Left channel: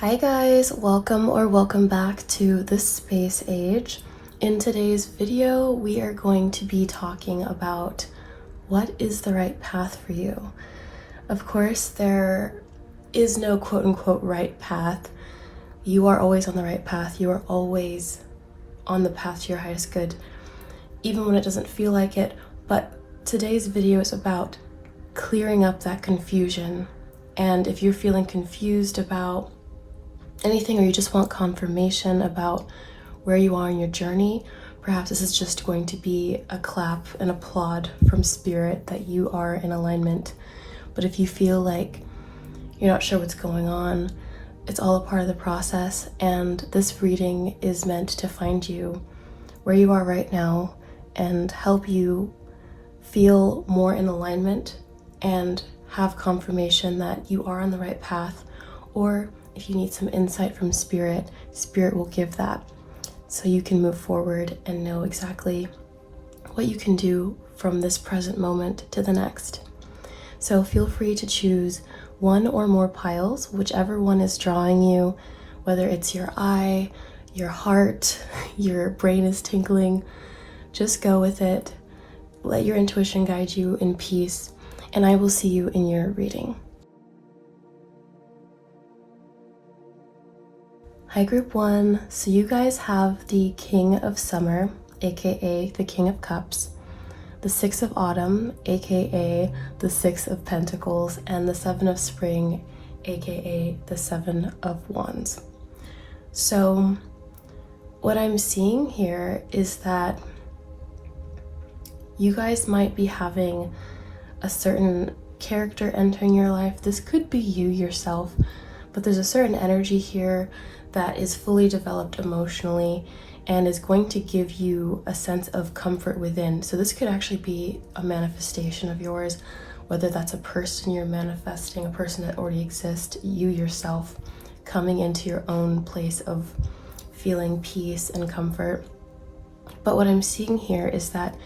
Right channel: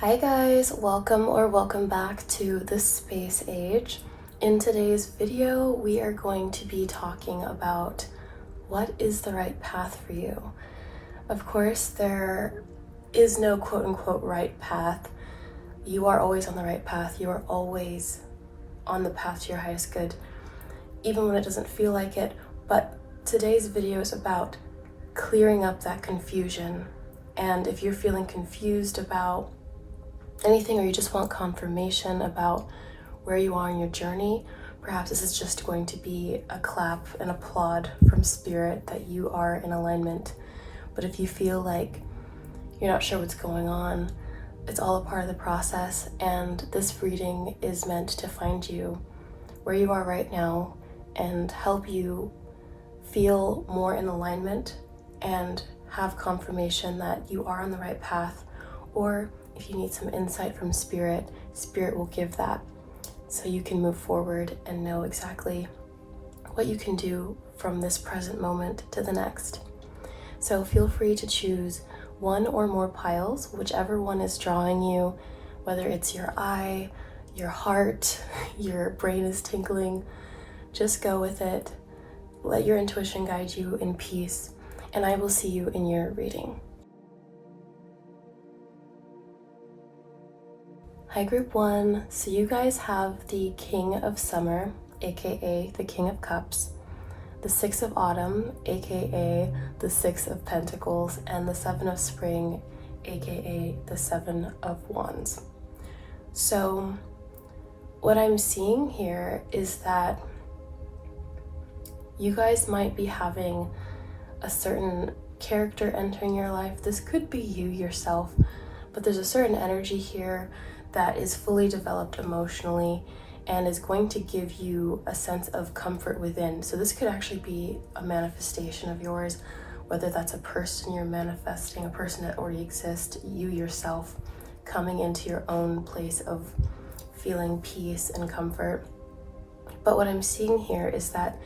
Hi guys, welcome back to the Space Age. In today's video, we are going to be talking about what is the right path for you. Of course, there is no quote-unquote right path. You are always on the right path. You are always on the path to your highest good, even when it doesn't feel like it. But today's video is about clearing up that confusion. And if you're feeling confused about anything, or you just want confirmation about where you are in your journey, perhaps this is just going to be a clap and applaud from spirit that you are in alignment. But if you feel like you're not sure what's going on, it's all a part of the process, and this reading is meant to find you where you are right now and help you feel more in alignment and have confirmation that you are on the right path. Or if you need some insight from spirit will give that, so you can move forward and know exactly what you can do from this present moment to the next. So feel free to choose one or more piles, whichever one is drawing you, whether it's your eye, your heart, your brain is tingling. Just go with it. Let your intuition guide you in peace, and I will see you in your reading. Hi Group 1, so you guys have the King of Summer, aka the King of Cups, the Six of Autumn, aka the Six of Pentacles, and the Seven of Spring, aka the Seven of Wands. So what I'm seeing here is that you guys might be having a certain character entering your life. This could be you yourself, but there's a certain energy here that is fully developed emotionally and is going to give you a sense of comfort within. So this could actually be a manifestation of yours, whether that's a person you're manifesting, a person that already exists, you yourself coming into your own place of feeling peace and comfort. But what I'm seeing here is that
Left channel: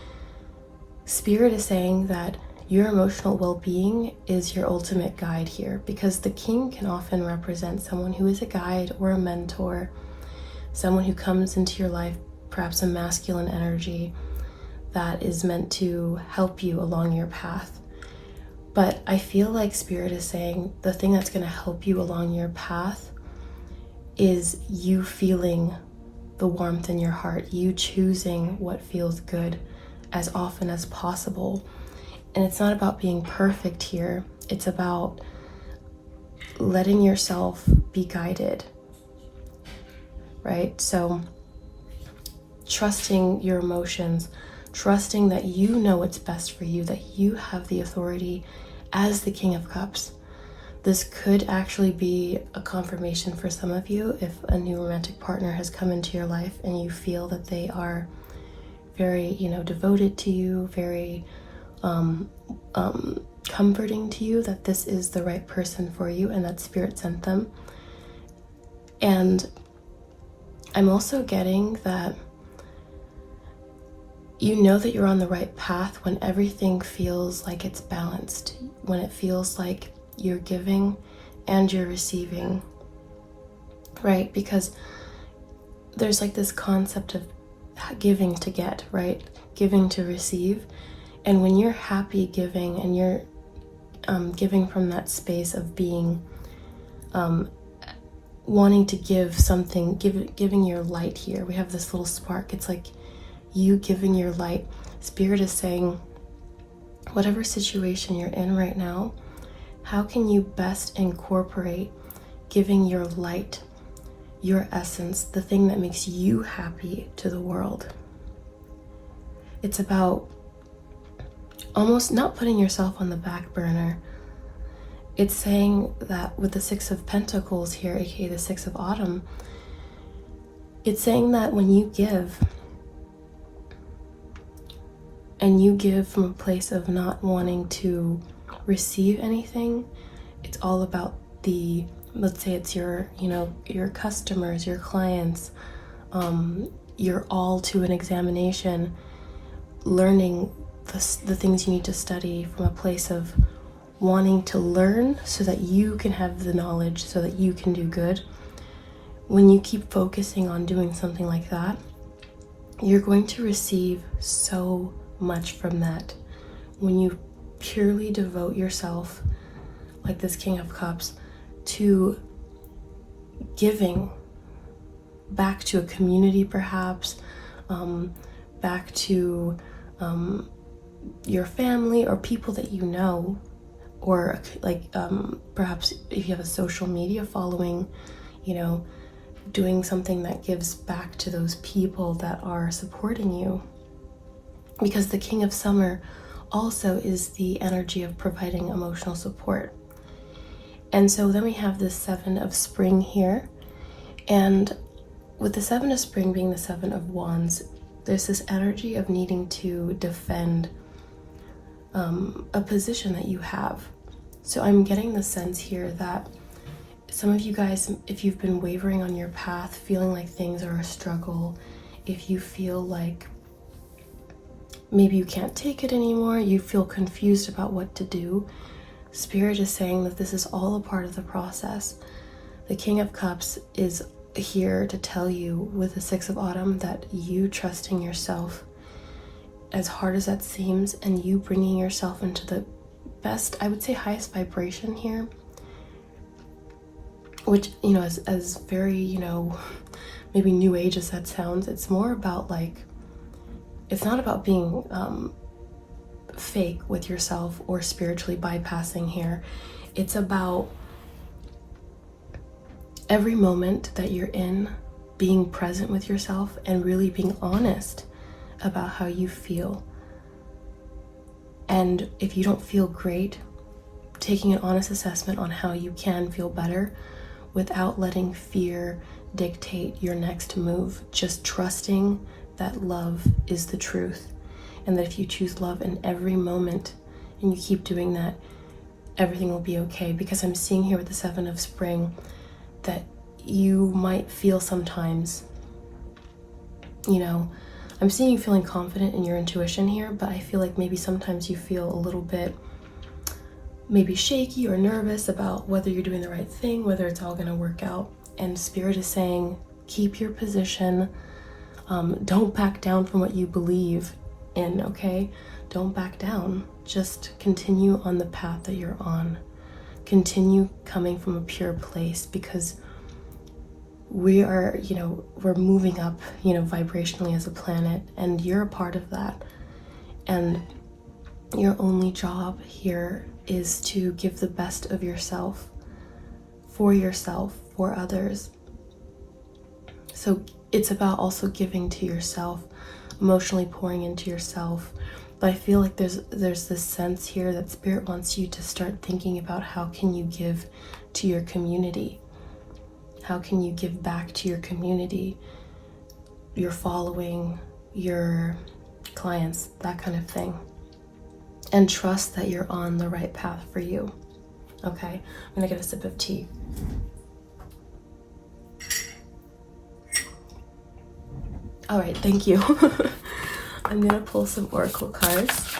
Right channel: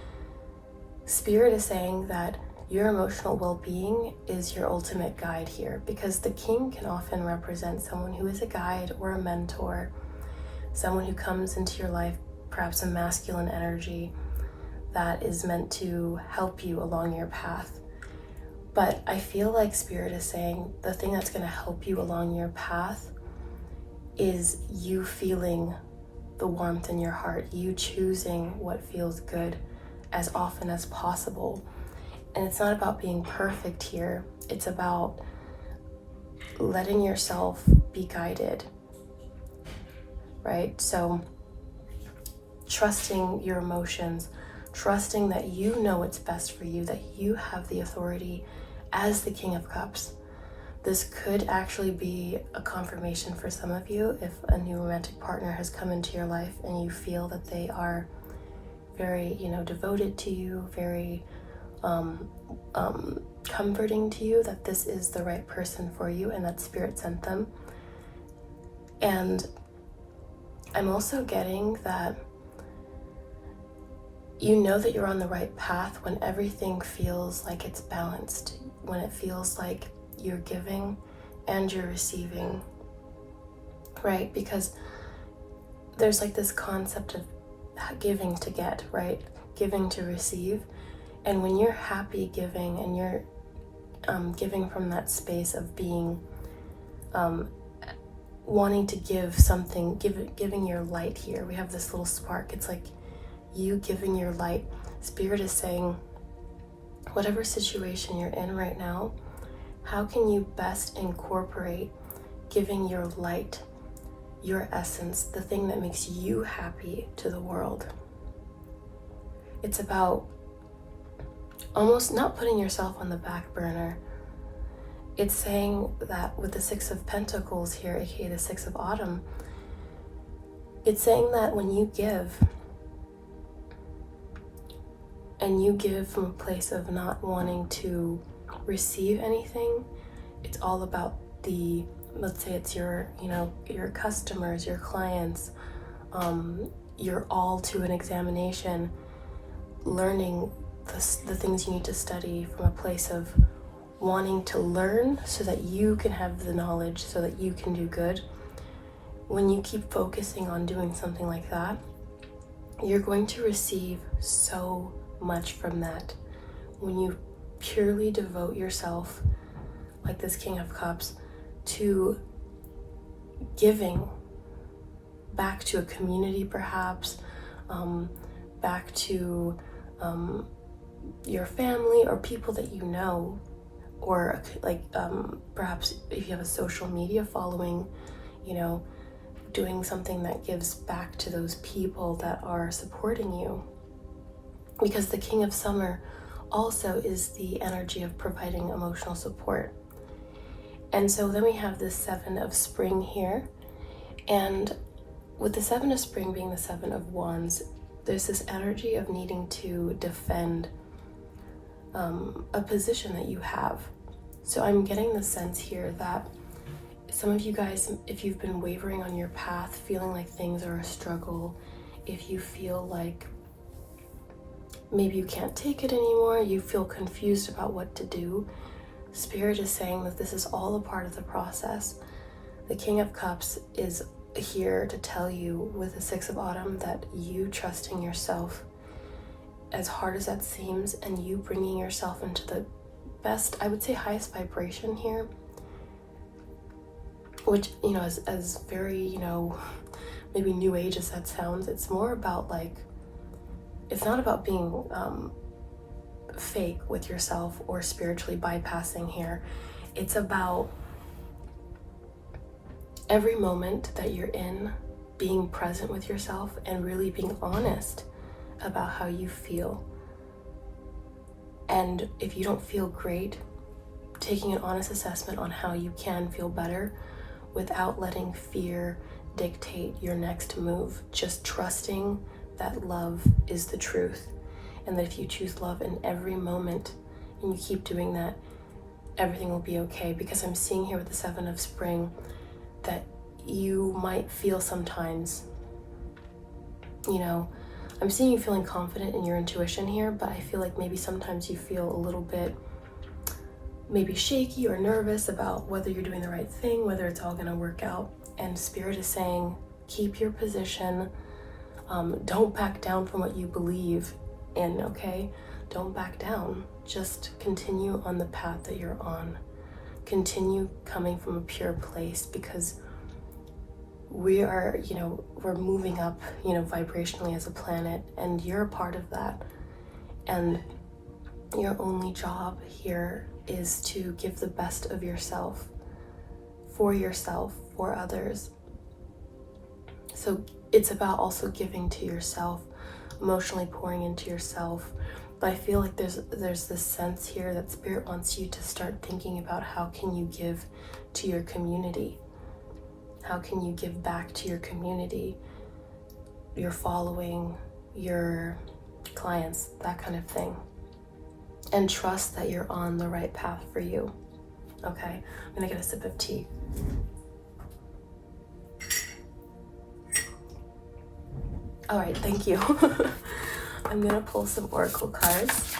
Spirit is saying that your emotional well-being is your ultimate guide here, because the king can often represent someone who is a guide or a mentor, someone who comes into your life, perhaps a masculine energy that is meant to help you along your path. But I feel like Spirit is saying the thing that's going to help you along your path is you feeling the warmth in your heart, you choosing what feels good as often as possible. And it's not about being perfect here. It's about letting yourself be guided, right? So trusting your emotions, trusting that you know what's best for you, that you have the authority as the King of Cups. This could actually be a confirmation for some of you if a new romantic partner has come into your life and you feel that they are very, devoted to you, very comforting to you, that this is the right person for you and that Spirit sent them. And I'm also getting that you know that you're on the right path when everything feels like it's balanced, when it feels like you're giving and you're receiving, right? Because there's like this concept of giving to get, right? Giving to receive. And when you're happy giving and you're giving from that space of being wanting to give something, giving your light here, we have this little spark. It's like you giving your light. Spirit is saying, whatever situation you're in right now, how can you best incorporate giving your light, your essence, the thing that makes you happy to the world? It's about almost not putting yourself on the back burner. It's saying that with the Six of Pentacles here, aka the Six of Autumn, it's saying that when you give, and you give from a place of not wanting to receive anything, it's all about the, let's say it's your customers, your clients, you're all to an examination, learning the things you need to study from a place of wanting to learn so that you can have the knowledge, so that you can do good, when you keep focusing on doing something like that, you're going to receive so much from that. When you purely devote yourself, like this King of Cups, to giving back to a community, perhaps, back to your family or people that you know, or like perhaps if you have a social media following, doing something that gives back to those people that are supporting you. Because the King of Summer also is the energy of providing emotional support. And so then we have the Seven of Spring here. And with the Seven of Spring being the Seven of Wands, there's this energy of needing to defend a position that you have. So I'm getting the sense here that some of you guys, if you've been wavering on your path, feeling like things are a struggle, if you feel like maybe you can't take it anymore, you feel confused about what to do, Spirit is saying that this is all a part of the process. The King of Cups is here to tell you with the Six of Autumn that you trusting yourself, as hard as that seems, and you bringing yourself into the best, I would say highest vibration here, which, as very, maybe new age as that sounds, it's more about like, it's not about being fake with yourself or spiritually bypassing here. It's about every moment that you're in, being present with yourself and really being honest about how you feel. And if you don't feel great, taking an honest assessment on how you can feel better without letting fear dictate your next move. Just trusting that love is the truth, and that if you choose love in every moment and you keep doing that, everything will be okay. Because I'm seeing here with the Seven of Spring that you might feel sometimes, I'm seeing you feeling confident in your intuition here, but I feel like maybe sometimes you feel a little bit maybe shaky or nervous about whether you're doing the right thing, whether it's all going to work out. And Spirit is saying, keep your position. Don't back down from what you believe in, okay? Don't back down. Just continue on the path that you're on. Continue coming from a pure place, because we are, we're moving up, vibrationally as a planet, and you're a part of that. And your only job here is to give the best of yourself, for others. So it's about also giving to yourself, emotionally pouring into yourself. But I feel like there's this sense here that Spirit wants you to start thinking about how can you give to your community? How can you give back to your community, your following, your clients, that kind of thing. And trust that you're on the right path for you. Okay, I'm gonna get a sip of tea. All right, thank you. I'm gonna pull some oracle cards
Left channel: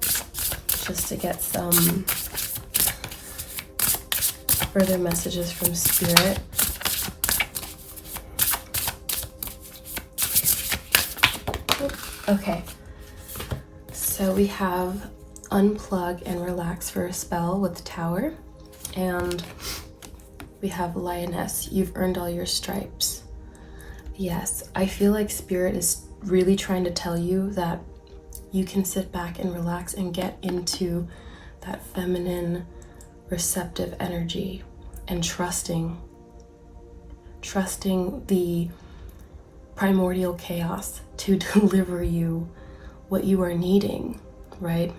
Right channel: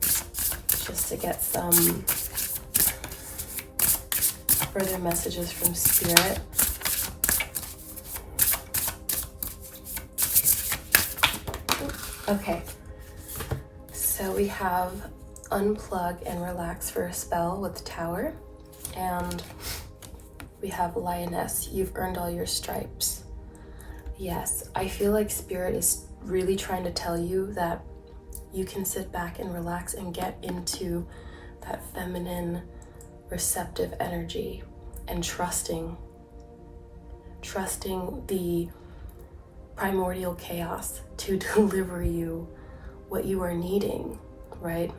just to get some further messages from Spirit. Okay, so we have unplug and relax for a spell with the Tower, and we have Lioness, you've earned all your stripes. Yes, I feel like Spirit is really trying to tell you that you can sit back and relax and get into that feminine, receptive energy and trusting the primordial chaos to deliver you what you are needing, right?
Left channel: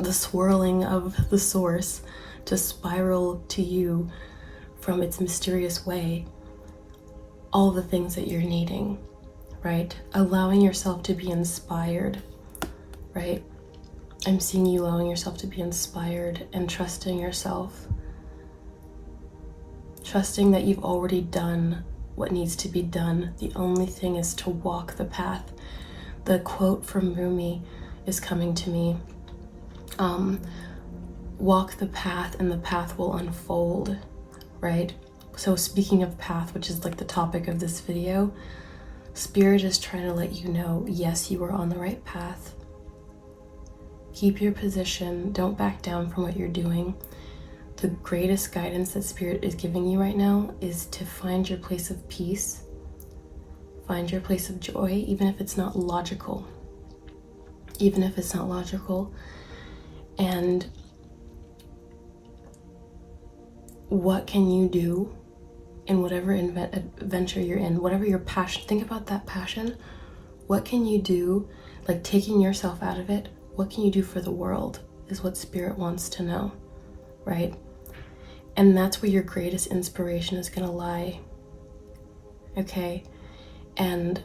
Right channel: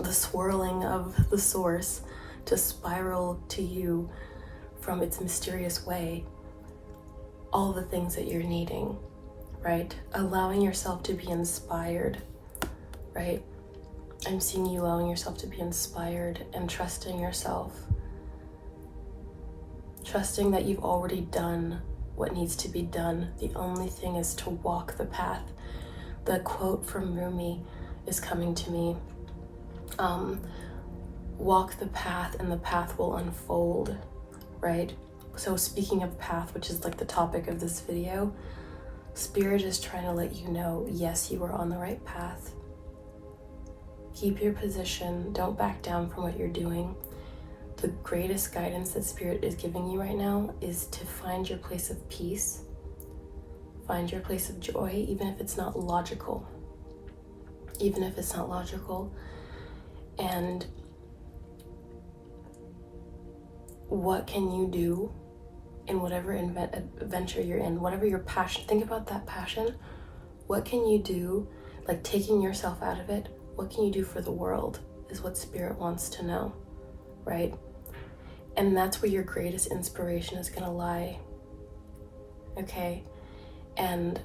The swirling of the source to spiral to you from its mysterious way all the things that you're needing, right? Allowing yourself to be inspired, right? I'm seeing you allowing yourself to be inspired and trusting yourself. Trusting that you've already done what needs to be done. The only thing is to walk the path. The quote from Rumi is coming to me. Walk the path and the path will unfold, right? So speaking of path, which is like the topic of this video, Spirit is trying to let you know, yes, you are on the right path. Keep your position. Don't back down from what you're doing. The greatest guidance that Spirit is giving you right now is to find your place of peace. Find your place of joy, even if it's not logical. Even if it's not logical. And what can you do in whatever adventure you're in, whatever your passion, think about that passion. What can you do, like taking yourself out of it, what can you do for the world is what Spirit wants to know, right? And that's where your greatest inspiration is going to lie, okay? And,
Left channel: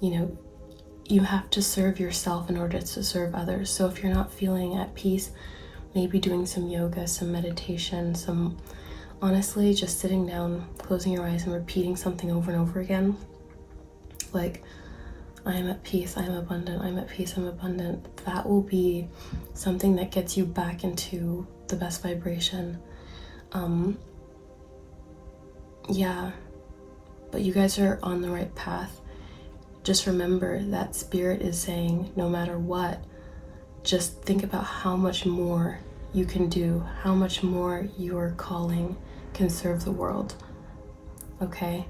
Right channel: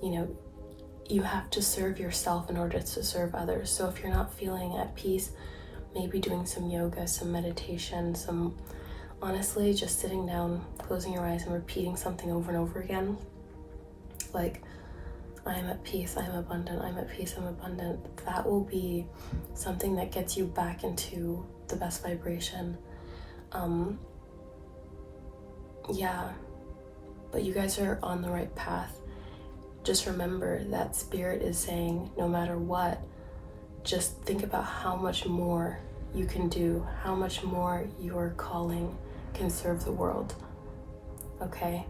you know, you have to serve yourself in order to serve others. So if you're not feeling at peace, maybe doing some yoga, some meditation, honestly, just sitting down, closing your eyes and repeating something over and over again. Like, I am at peace, I'm abundant, I'm at peace, I'm abundant. That will be something that gets you back into the best vibration. Yeah, but you guys are on the right path. Just remember that Spirit is saying, no matter what, just think about how much more you can do, how much more your calling can serve the world. Okay,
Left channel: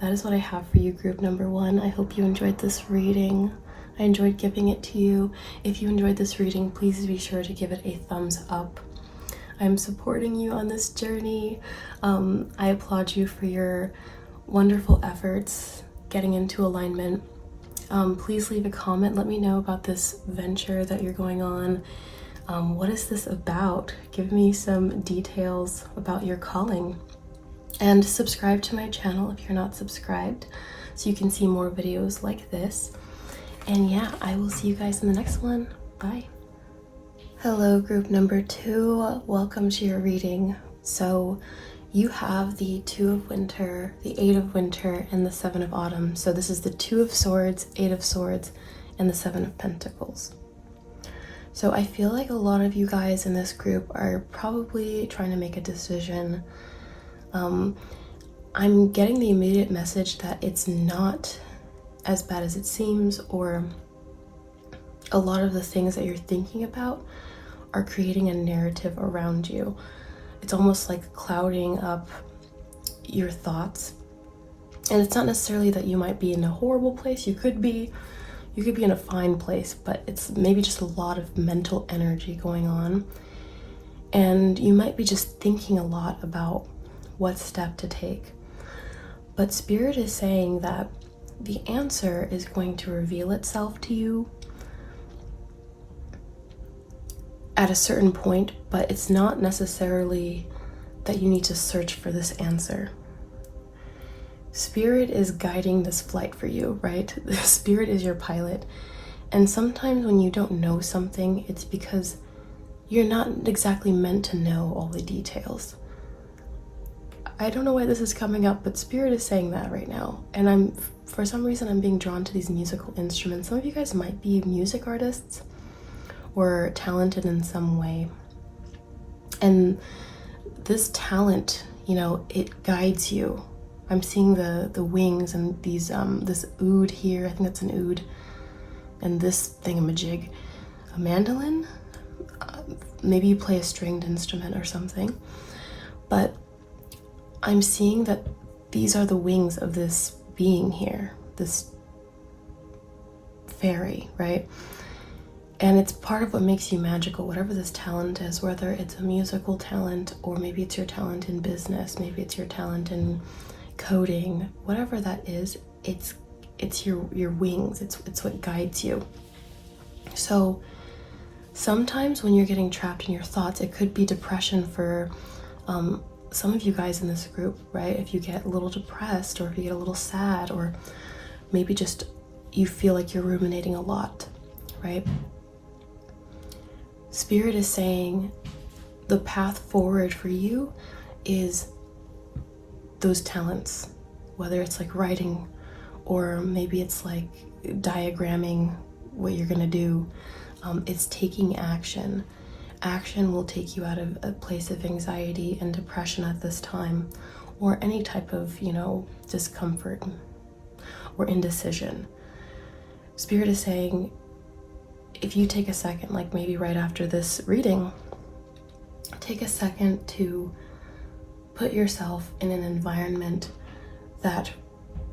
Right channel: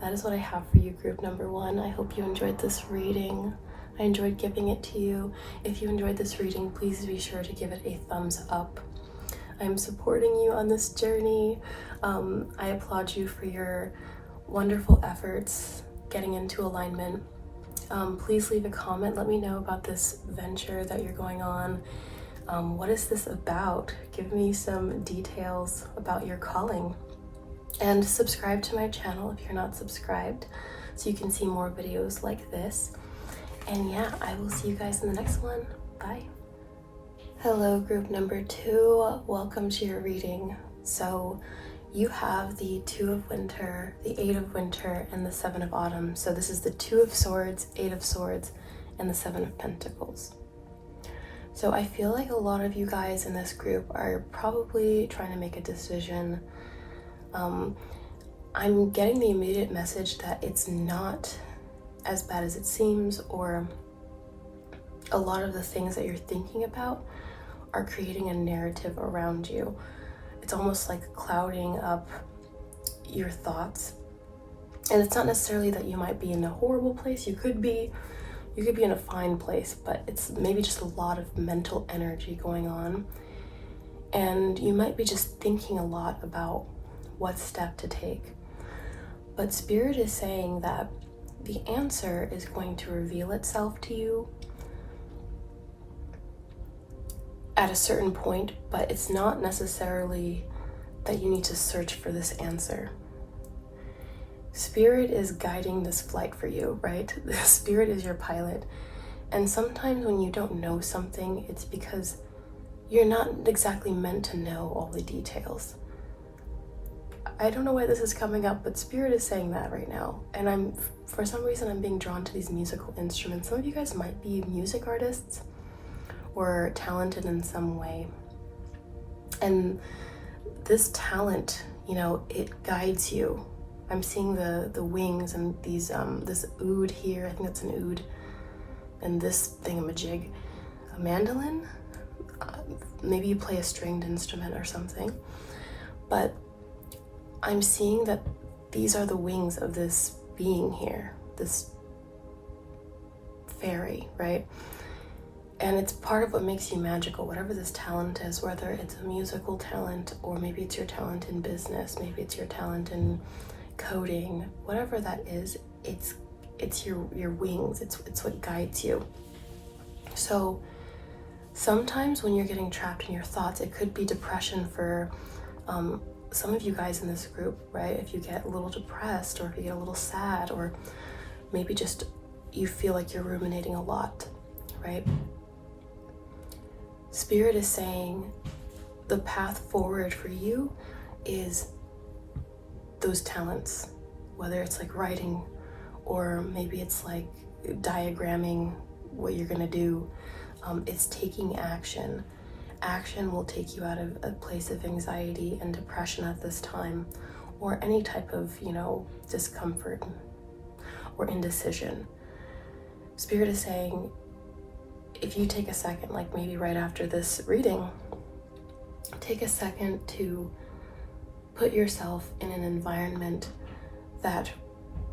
that is what I have for you, group number 1. I hope you enjoyed this reading. I enjoyed giving it to you. If you enjoyed this reading, please be sure to give it a thumbs up. I'm supporting you on this journey. I applaud you for your wonderful efforts getting into alignment. Please leave a comment. Let me know about this venture that you're going on. What is this about? Give me some details about your calling. And subscribe to my channel if you're not subscribed, so you can see more videos like this. And yeah, I will see you guys in the next one. Bye. Hello, group number 2. Welcome to your reading. So you have the 2 of Winter, the 8 of Winter, and the 7 of Autumn. So this is the 2 of Swords, 8 of Swords, and the 7 of Pentacles. So I feel like a lot of you guys in this group are probably trying to make a decision. I'm getting the immediate message that it's not as bad as it seems, or a lot of the things that you're thinking about are creating a narrative around you. It's almost like clouding up your thoughts. And it's not necessarily that you might be in a horrible place. You could be in a fine place, but it's maybe just a lot of mental energy going on. And you might be just thinking a lot about what step to take. But Spirit is saying that the answer is going to reveal itself to you at a certain point, but it's not necessarily that you need to search for this answer. Spirit is guiding this flight for you, right? The Spirit is your pilot. And sometimes when you don't know something, it's because you're not exactly meant to know all the details. I don't know why this is coming up, but Spirit is saying that right now. And for some reason, I'm being drawn to these musical instruments. Some of you guys might be music artists or talented in some way. And this talent, you know, it guides you. I'm seeing the wings and these this oud here, I think that's an oud, and this thingamajig, a mandolin. Maybe you play a stringed instrument or something, but I'm seeing that these are the wings of this being here, this fairy, right? And it's part of what makes you magical, whatever this talent is, whether it's a musical talent, or maybe it's your talent in business, maybe it's your talent in coding, whatever that is, it's your wings, it's what guides you. So sometimes when you're getting trapped in your thoughts, it could be depression for some of you guys in this group, right? If you get a little depressed, or if you get a little sad, or maybe just you feel like you're ruminating a lot, right? Spirit is saying the path forward for you is those talents, whether it's like writing, or maybe it's like diagramming what you're gonna do. It's taking action. Action will take you out of a place of anxiety and depression at this time, or any type of, discomfort or indecision. Spirit is saying, if you take a second, like maybe right after this reading, take a second to put yourself in an environment that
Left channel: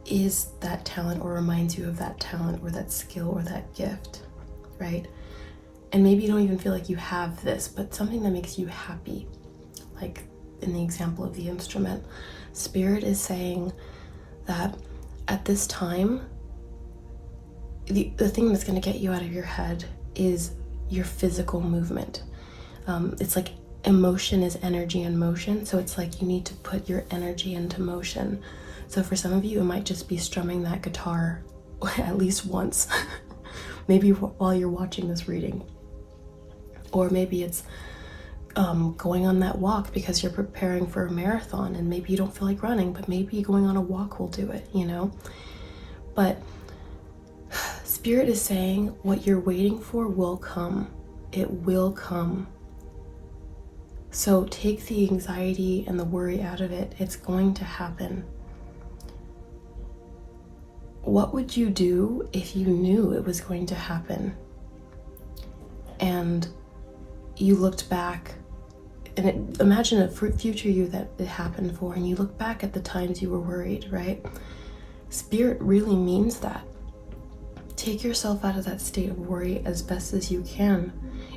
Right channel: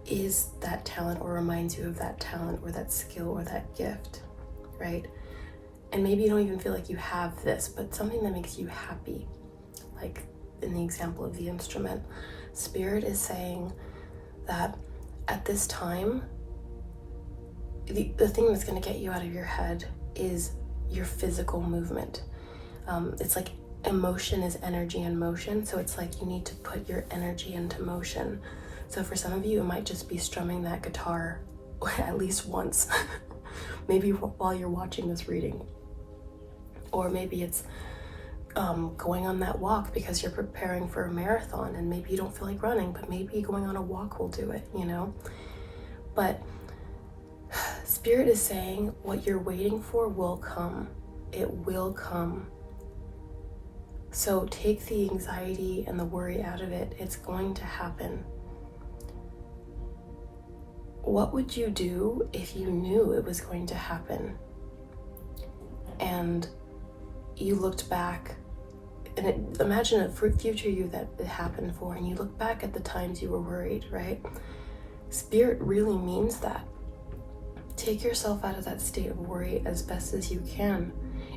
is that talent or reminds you of that talent or that skill or that gift, right? And maybe you don't even feel like you have this, but something that makes you happy, like in the example of the instrument. Spirit is saying that at this time, the thing that's going to get you out of your head is your physical movement. It's like emotion is energy in motion, so it's like you need to put your energy into motion. So for some of you, it might just be strumming that guitar at least once, maybe while you're watching this reading. Or maybe it's going on that walk because you're preparing for a marathon and maybe you don't feel like running, but maybe going on a walk will do it, But Spirit is saying what you're waiting for will come. It will come. So take the anxiety and the worry out of it. It's going to happen. What would you do if you knew it was going to happen? And you looked back, and imagine a future you that it happened for, and you look back at the times you were worried, right? Spirit really means that. Take yourself out of that state of worry as best as you can.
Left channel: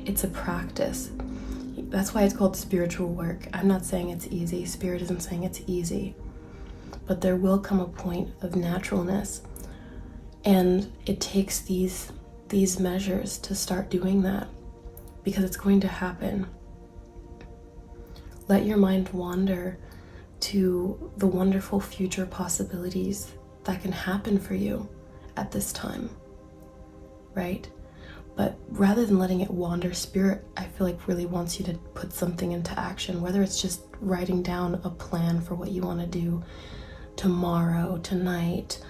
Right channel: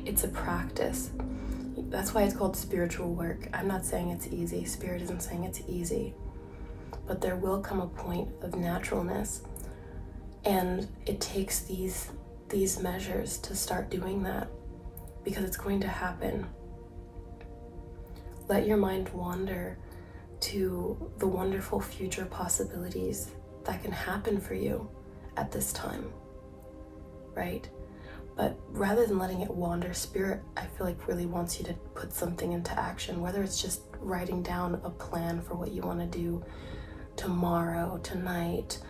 It's a practice. That's why it's called spiritual work. I'm not saying it's easy. Spirit isn't saying it's easy. But there will come a point of naturalness. And it takes these measures to start doing that, because it's going to happen. Let your mind wander to the wonderful future possibilities that can happen for you at this time, right? But rather than letting it wander, Spirit, I feel like, really wants you to put something into action, whether it's just writing down a plan for what you want to do tomorrow, tonight,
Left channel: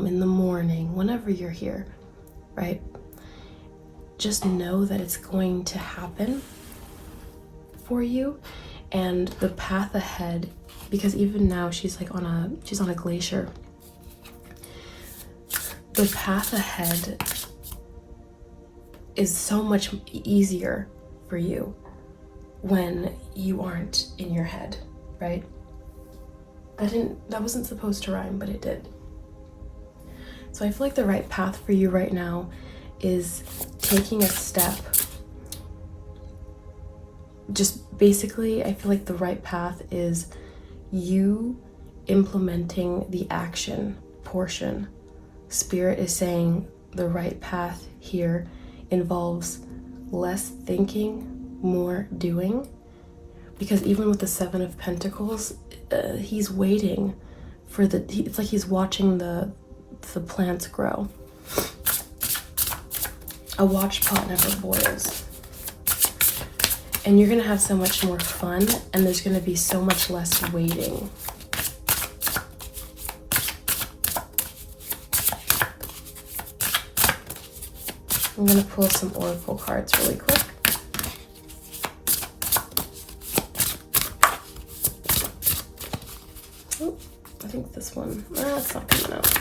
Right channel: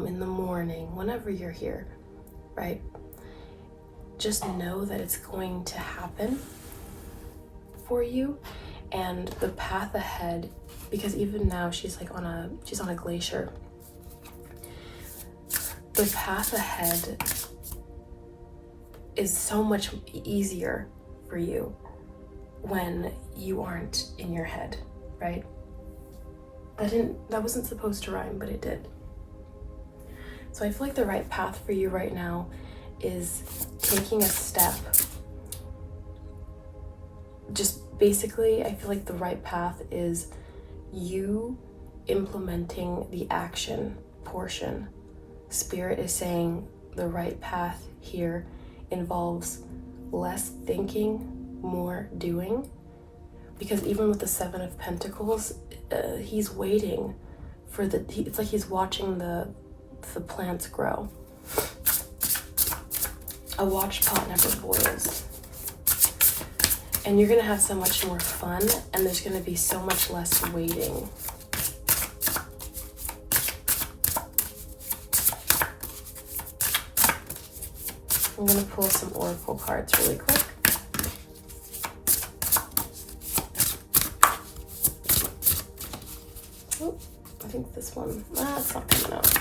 in the morning, whenever you're here, right? Just know that it's going to happen for you, and the path ahead, because even now she's on a glacier. The path ahead is so much easier for you when you aren't in your head, right? That wasn't supposed to rhyme, but it did. So I feel like the right path for you right now is taking a step. Just basically, I feel like the right path is you implementing the action portion. Spirit is saying the right path here involves less thinking, more doing. Because even with the Seven of Pentacles, he's waiting for it's like he's watching the plants grow. A watched pot never boils. And you're gonna have so much more fun, and there's gonna be so much less waiting. I'm gonna pull some oracle cards really quick. Oh, I think this one, that's not coming out.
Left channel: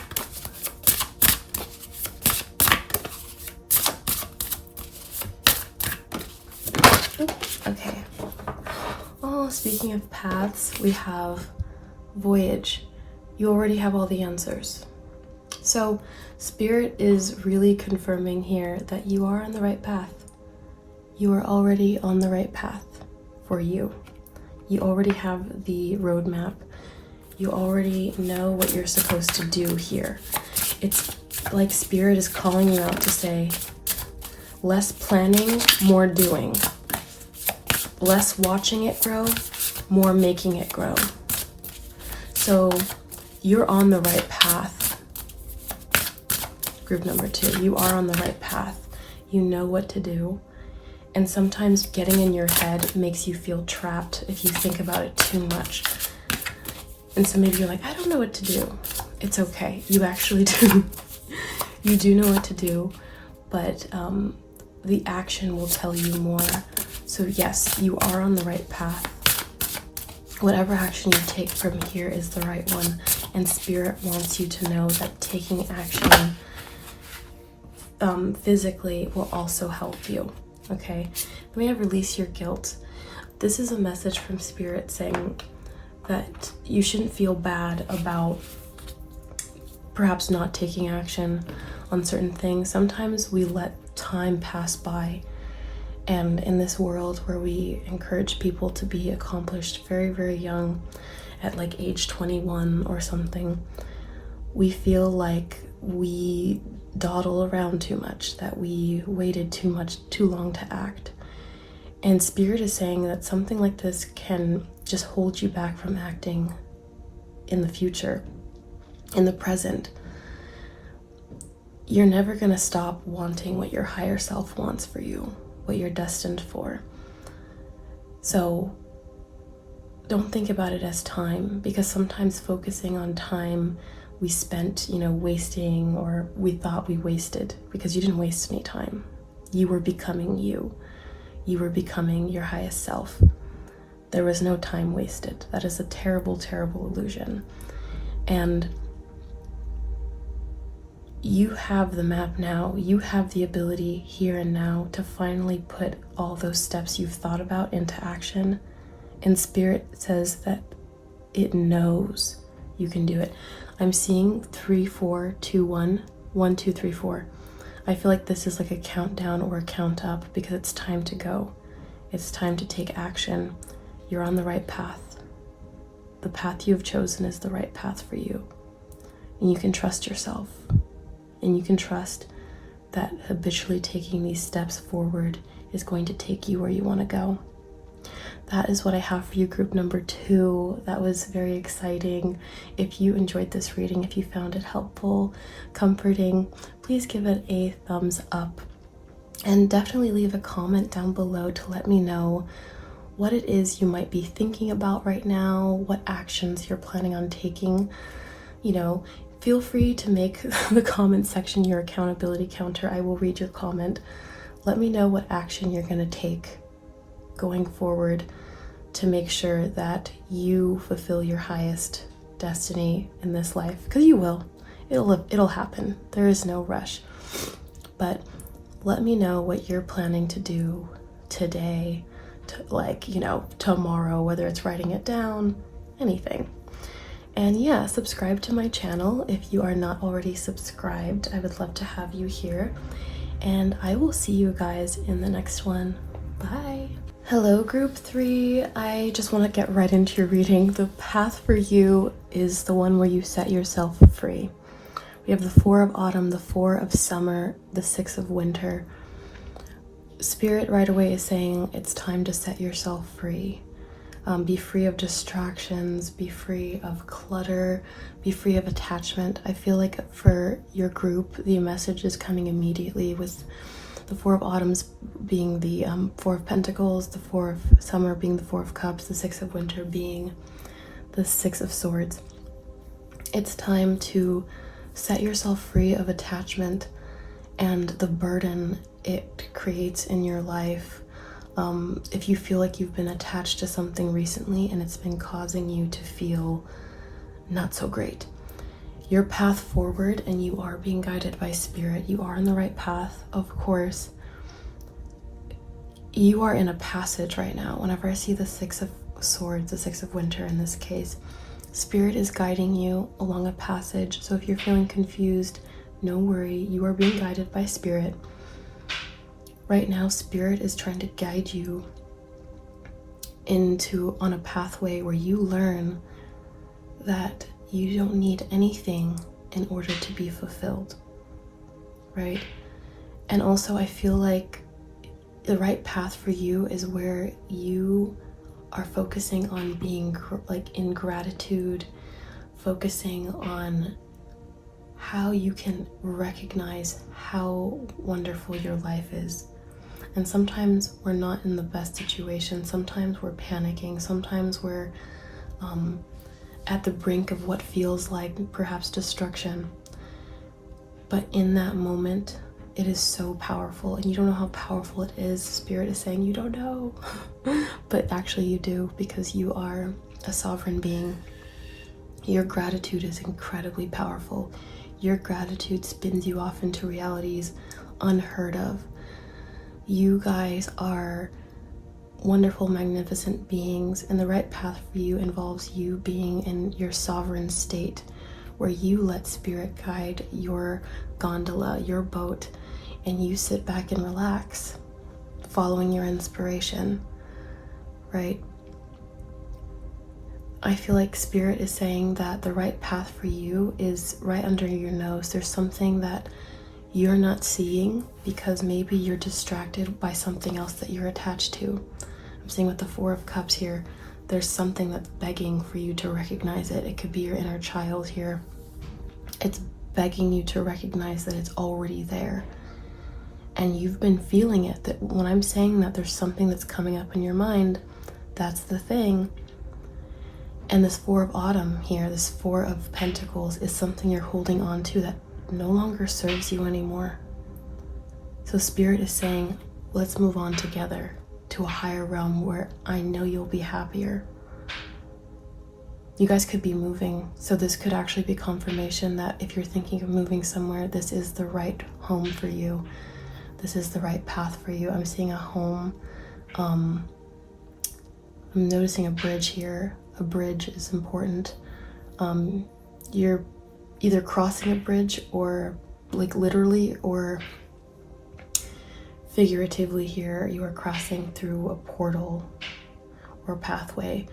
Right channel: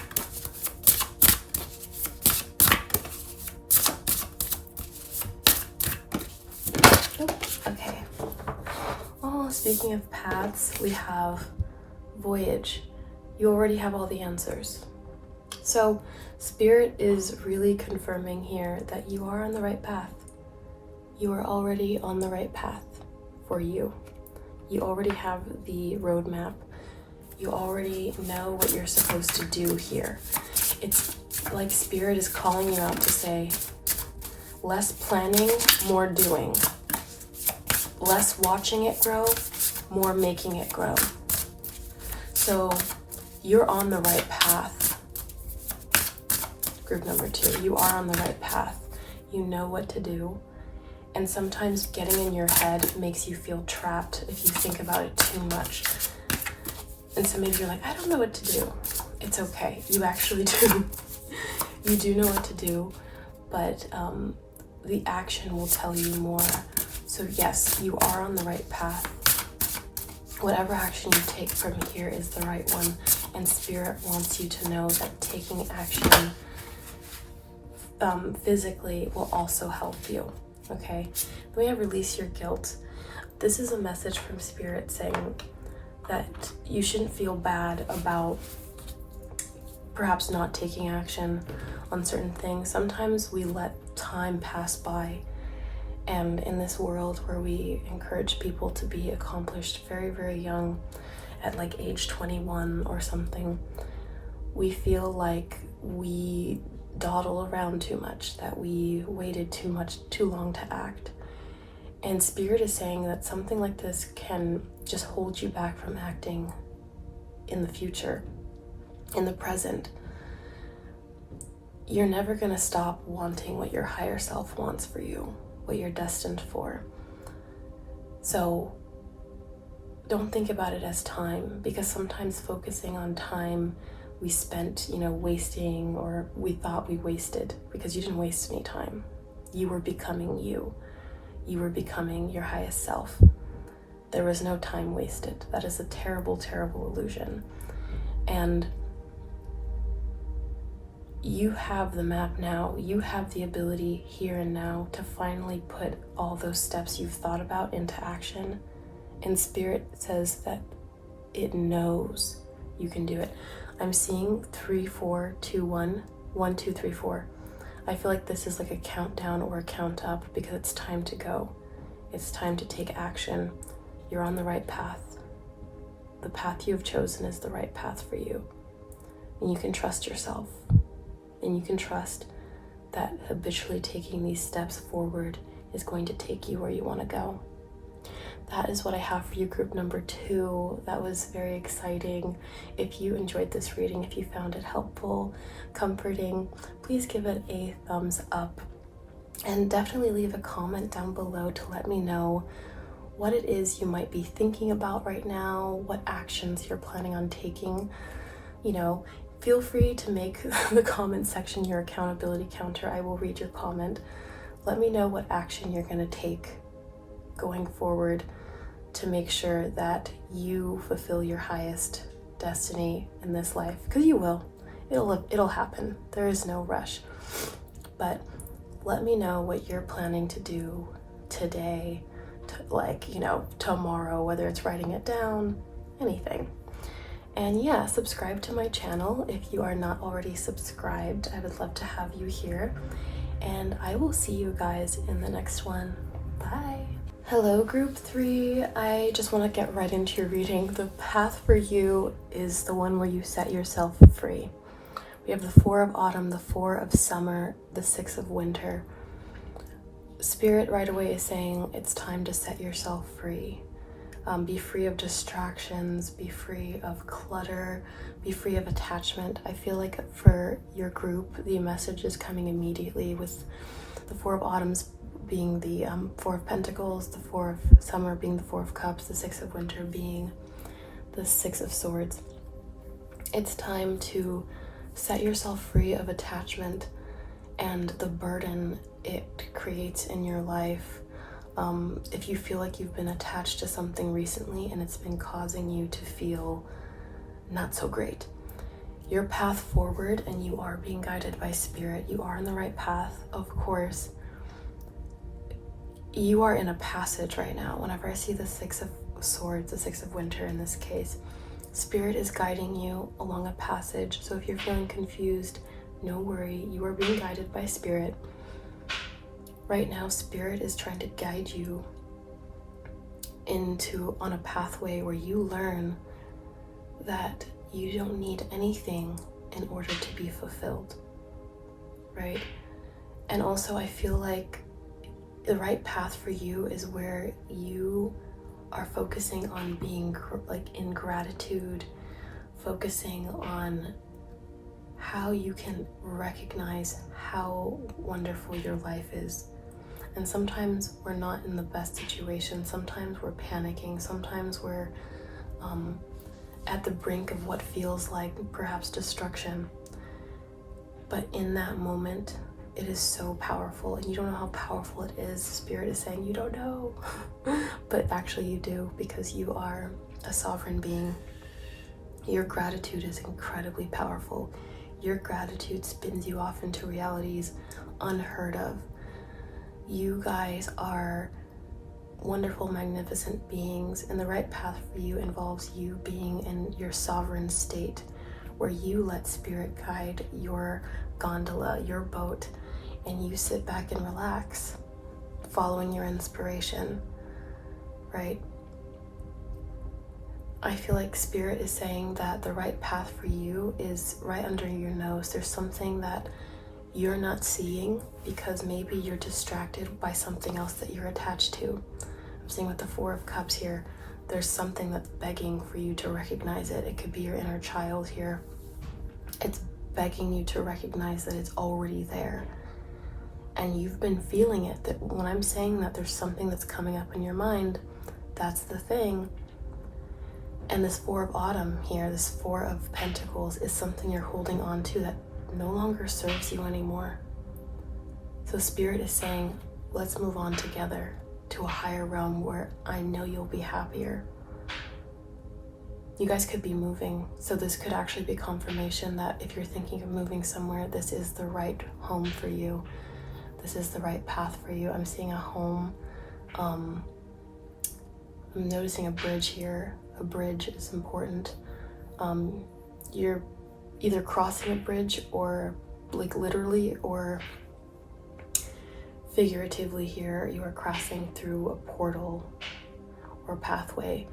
Okay. Oh, speaking of paths, we have voyage. You already have all the answers. So Spirit is really confirming here that you are on the right path. You are already on the right path for you. You already have the roadmap. You already know what you're supposed to do here. It's like Spirit is calling you out to say, less planning, more doing. Less watching it grow, more making it grow. So you're on the right path. Group number 2, you are on the right path. You know what to do. And sometimes getting in your head makes you feel trapped if you think about it too much. And so maybe you're like, I don't know what to do. It's okay. You actually do. You do know what to do, but the action will tell you more. So yes, you are on the right path. whatever action you take from here is the right one, and Spirit wants you to know that taking action physically will also help you. Okay, then we have release your guilt. This is a message from Spirit saying that you shouldn't feel bad about perhaps not taking action on certain things. Sometimes we let time pass by, and in this world where we encourage people to be accomplished very, very young, at like age 21 or something, we feel like we dawdle around too much, that we waited too long to act. And Spirit is saying that something like this can just hold you back from acting in the future, in the present. You're never going to stop wanting what your higher self wants for you, what you're destined for. So don't think about it as time, because sometimes focusing on time we spent, wasting, or we thought we wasted, because you didn't waste any time. You were becoming you. You were becoming your highest self. There was no time wasted. That is a terrible, terrible illusion. And you have the map now. You have the ability here and now to finally put all those steps you've thought about into action. And Spirit says that it knows you can do it. I'm seeing 3, 4, 2, 1, 1, 2, 3, 4. I feel like this is like a countdown or a count up, because it's time to go. It's time to take action. You're on the right path. The path you've chosen is the right path for you. And you can trust yourself. And you can trust that habitually taking these steps forward is going to take you where you want to go. That is what I have for you, group number 2. That was very exciting. If you enjoyed this reading, if you found it helpful, comforting, please give it a thumbs up. And definitely leave a comment down below to let me know what it is you might be thinking about right now, what actions you're planning on taking. Feel free to make the comment section your accountability counter. I will read your comment. Let me know what action you're going to take going forward to make sure that you fulfill your highest destiny in this life, because you will. It'll happen. There is no rush. But let me know what you're planning to do today, tomorrow, whether it's writing it down, anything. And yeah, subscribe to my channel if you are not already subscribed. I would love to have you here. And I will see you guys in the next one. Bye. Hello, group 3. I just want to get right into your reading. The path for you is the one where you set yourself free. We have the 4 of autumn, the 4 of summer, the 6 of winter. Spirit right away is saying it's time to set yourself free. Be free of distractions, be free of clutter, be free of attachment. I feel like for your group, the message is coming immediately, with the 4 of autumns being the 4 of pentacles, the 4 of summer being the 4 of cups, the 6 of winter being the 6 of swords. It's time to set yourself free of attachment and the burden it creates in your life. If you feel like you've been attached to something recently and it's been causing you to feel not so great, your path forward, and you are being guided by Spirit. You are on the right path, of course. You are in a passage right now. Whenever I see the 6 of swords, the 6 of winter in this case, Spirit is guiding you along a passage. So if you're feeling confused, no worry. You are being guided by Spirit. Right now, Spirit is trying to guide you on a pathway where you learn that you don't need anything in order to be fulfilled, right? And also, I feel like the right path for you is where you are focusing on being in gratitude, focusing on how you can recognize how wonderful your life is. And sometimes we're not in the best situation. Sometimes we're panicking. Sometimes we're at the brink of what feels like perhaps destruction. But in that moment, it is so powerful, and you don't know how powerful it is. Spirit is saying you don't know, but actually you do, because you are a sovereign being. Your gratitude is incredibly powerful. Your gratitude spins you off into realities unheard of. You guys are wonderful, magnificent beings, and the right path for you involves you being in your sovereign state, where you let spirit guide your gondola, your boat, and you sit back and relax, following your inspiration, right? I feel like spirit is saying that the right path for you is right under your nose. There's something that you're not seeing because maybe you're distracted by something else that you're attached to. I'm seeing with the Four of Cups here, there's something that's begging for you to recognize it. It could be your inner child here. It's begging you to recognize that it's already there. And you've been feeling it. That when I'm saying that there's something that's coming up in your mind, that's the thing. And this Four of Autumn here, this Four of Pentacles, is something you're holding on to that no longer serves you anymore. So Spirit is saying, let's move on together to a higher realm where I know you'll be happier. You guys could be moving, so this could actually be confirmation that if you're thinking of moving somewhere, this is the right home for you. This is the right path for you. I'm seeing a home. I'm noticing a bridge here. A bridge is important. You're either crossing a bridge, or like literally or figuratively here, you are crossing through a portal or pathway.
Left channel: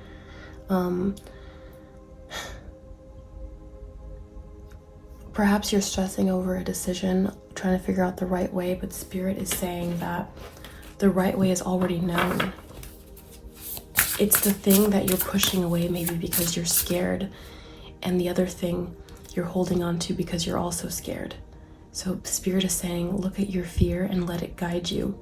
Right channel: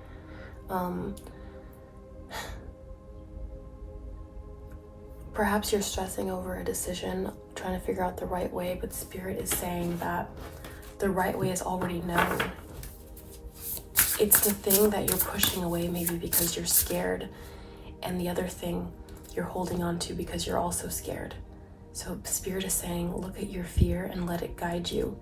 Perhaps you're stressing over a decision, trying to figure out the right way, but Spirit is saying that the right way is already known. It's the thing that you're pushing away maybe because you're scared, and the other thing you're holding on to because you're also scared. So Spirit is saying, look at your fear and let it guide you.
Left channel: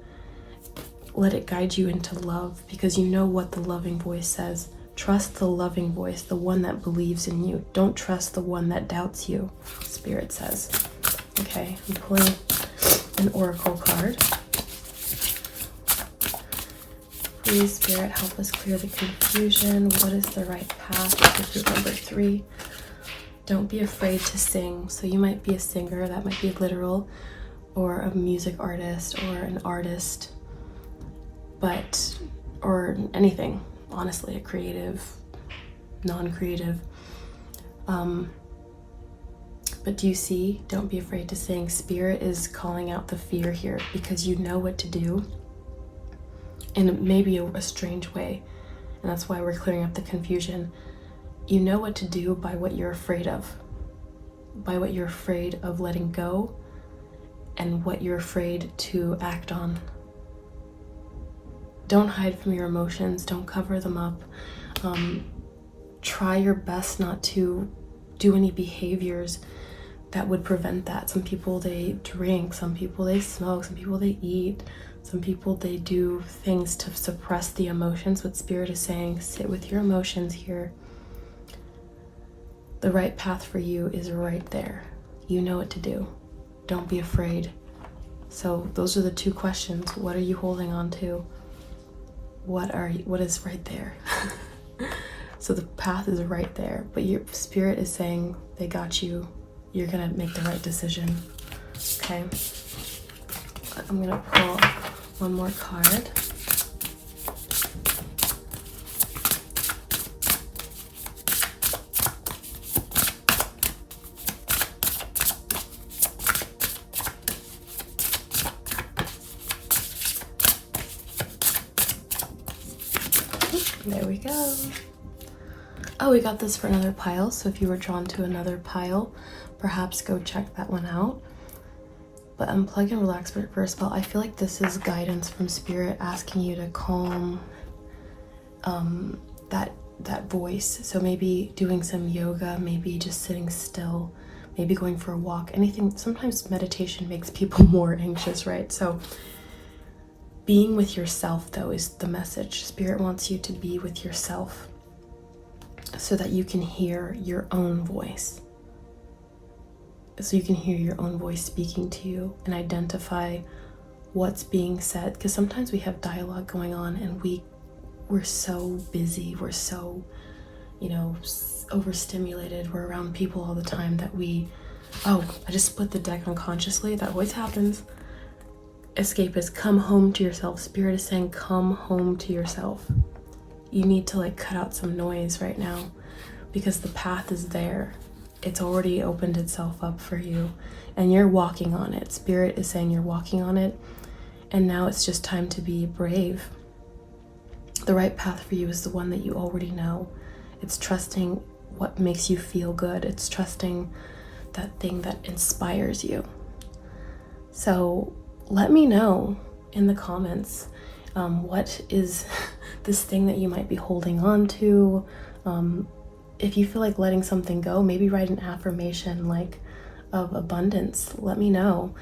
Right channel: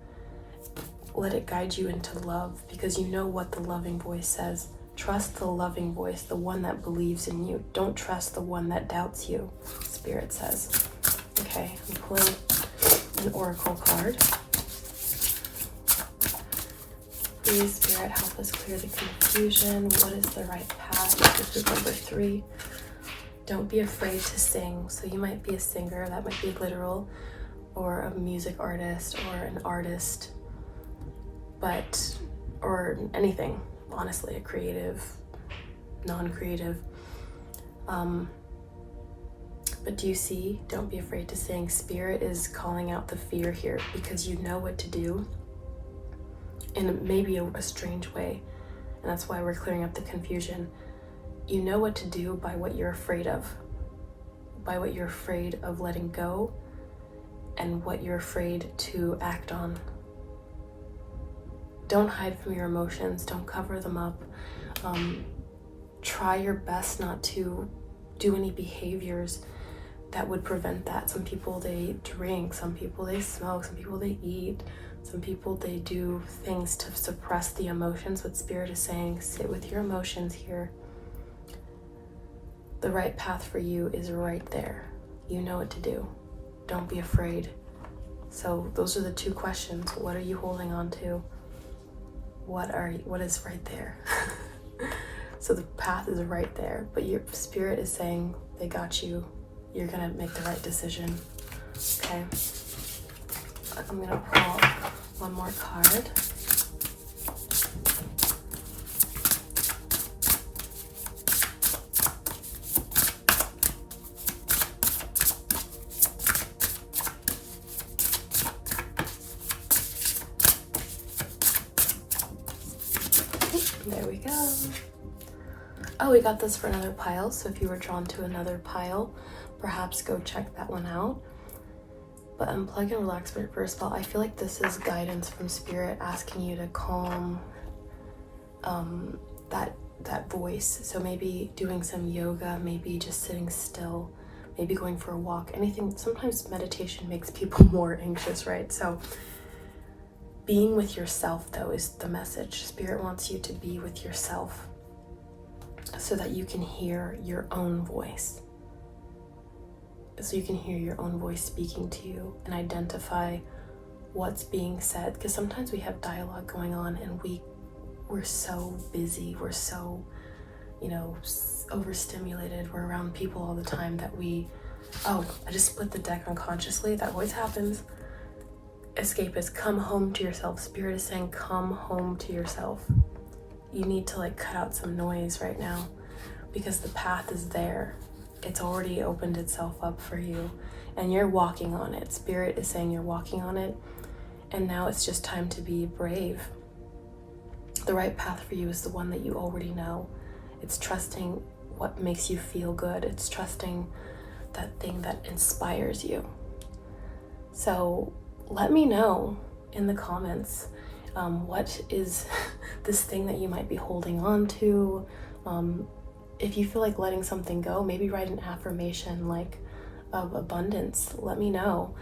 Let it guide you into love, because you know what the loving voice says. Trust the loving voice, the one that believes in you. Don't trust the one that doubts you, Spirit says. Okay, I'm pulling an oracle card. Please, Spirit, help us clear the confusion. What is the right path? This is number 3. Don't be afraid to sing. So you might be a singer, that might be literal, or a music artist, or an artist, or anything, honestly, a creative, non-creative. But do you see? Don't be afraid to sing. Spirit is calling out the fear here because you know what to do in maybe a strange way. And that's why we're clearing up the confusion. You know what to do by what you're afraid of. By what you're afraid of letting go and what you're afraid to act on. Don't hide from your emotions. Don't cover them up. Try your best not to do any behaviors that would prevent that. Some people, they drink. Some people, they smoke. Some people, they eat. Some people, they do things to suppress the emotions. But Spirit is saying, sit with your emotions here. The right path for you is right there. You know what to do. Don't be afraid. So those are the 2 questions. What are you holding on to? What is right there? So the path is right there, but your Spirit is saying they got you. You're gonna make the right decision. Okay. I'm gonna pull one more card. There we go. Oh, we got this for another pile, so if you were drawn to another pile, perhaps go check that one out. But unplug and relax for a spell. I feel like this is guidance from Spirit asking you to calm that voice. So maybe doing some yoga, maybe just sitting still, maybe going for a walk, anything. Sometimes meditation makes people more anxious, right? So being with yourself, though, is the message. Spirit wants you to be with yourself so that you can hear your own voice. So you can hear your own voice speaking to you and identify what's being said. Because sometimes we have dialogue going on and we're so busy, we're so overstimulated, we're around people all the time that I just split the deck unconsciously. That always happens. Escape is come home to yourself. Spirit is saying come home to yourself. You need to cut out some noise right now, because the path is there. It's already opened itself up for you and you're walking on it. Spirit is saying you're walking on it, and now it's just time to be brave. The right path for you is the one that you already know. It's trusting what makes you feel good. It's trusting that thing that inspires you. So let me know in the comments, what is this thing that you might be holding on to. If you feel like letting something go, maybe write an affirmation of abundance. Let me know.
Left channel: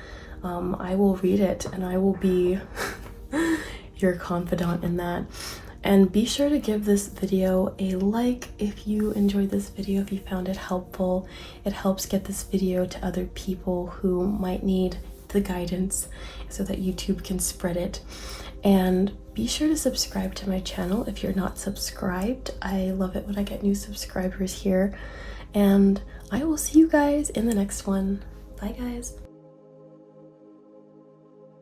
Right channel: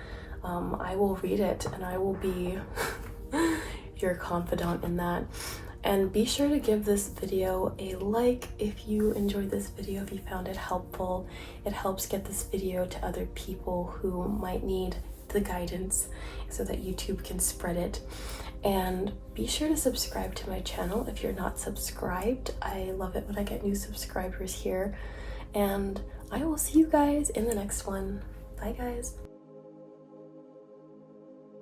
I will read it and I will be your confidant in that. And be sure to give this video a like if you enjoyed this video, if you found it helpful. It helps get this video to other people who might need the guidance so that YouTube can spread it. And be sure to subscribe to my channel if you're not subscribed. I love it when I get new subscribers here. And I will see you guys in the next one. Bye guys.